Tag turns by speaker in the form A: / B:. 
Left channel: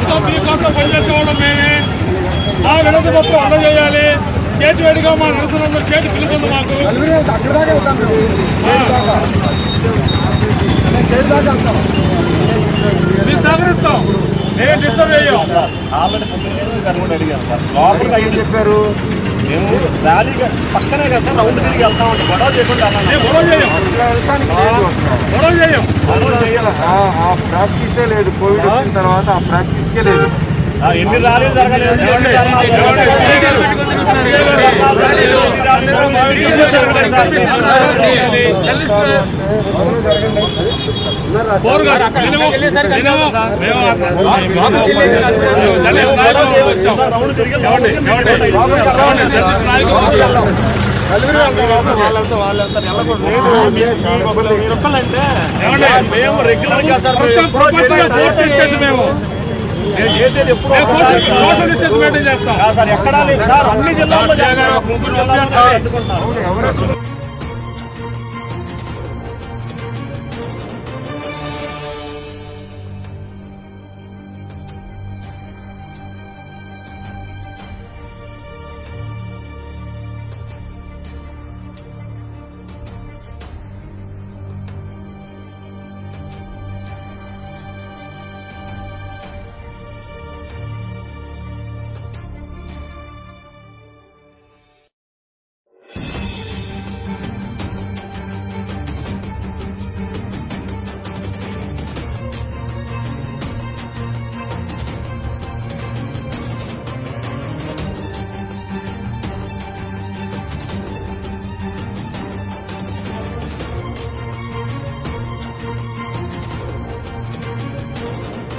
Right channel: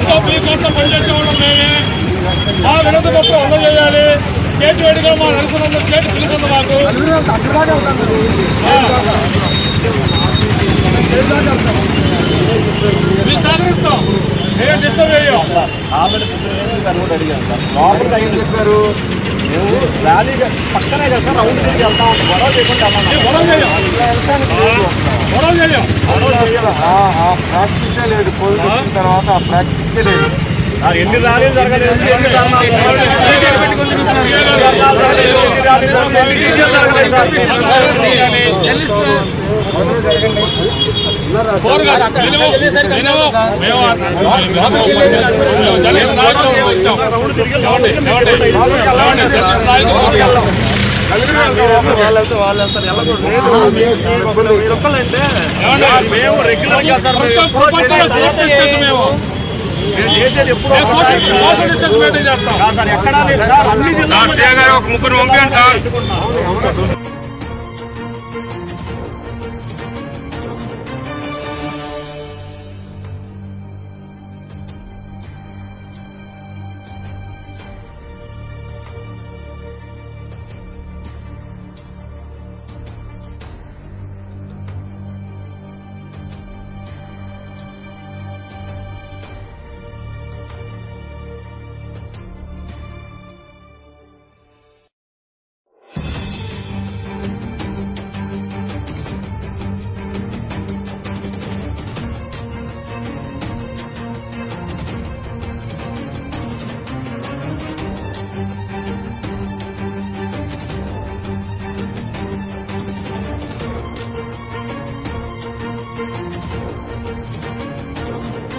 A: మీకోసం మీకోసం పనిచేసే వాళ్ళం మేమే. మా వినతి పత్రం అందజేయాలి. చేతి వేడిగా మా నిరసనలో చేతి పిలుపుంది మాకు. మీరు సహకరిస్తాం. ఏ డిస్టర్బ్ చేయం
B: ఆల్రెడీ కూడా అడిగాను సార్. చెప్పారు. మేము ర్యాలీ పక్కనే కదా సార్ రౌండ్ తిరిగి వెళ్తా ఉంటాం. గొడవ చేయకుండా.
C: ప్రాక్టీసే లేదు. కోవిడ్ వచ్చిన తర్వాత ఆ ప్రాక్టీస్కే లేదు.
B: ఎన్ని ర్యాలీలు జరగలేదు?
A: ఏమండి? మేము నాయకులు వచ్చాం నాయకులు ప్రపంచంలో ఫోర్త్ మేము సోషల్ డిస్టెన్స్ మెయింటైన్ చేస్తాం ముగ్గురు పంపించండి సార్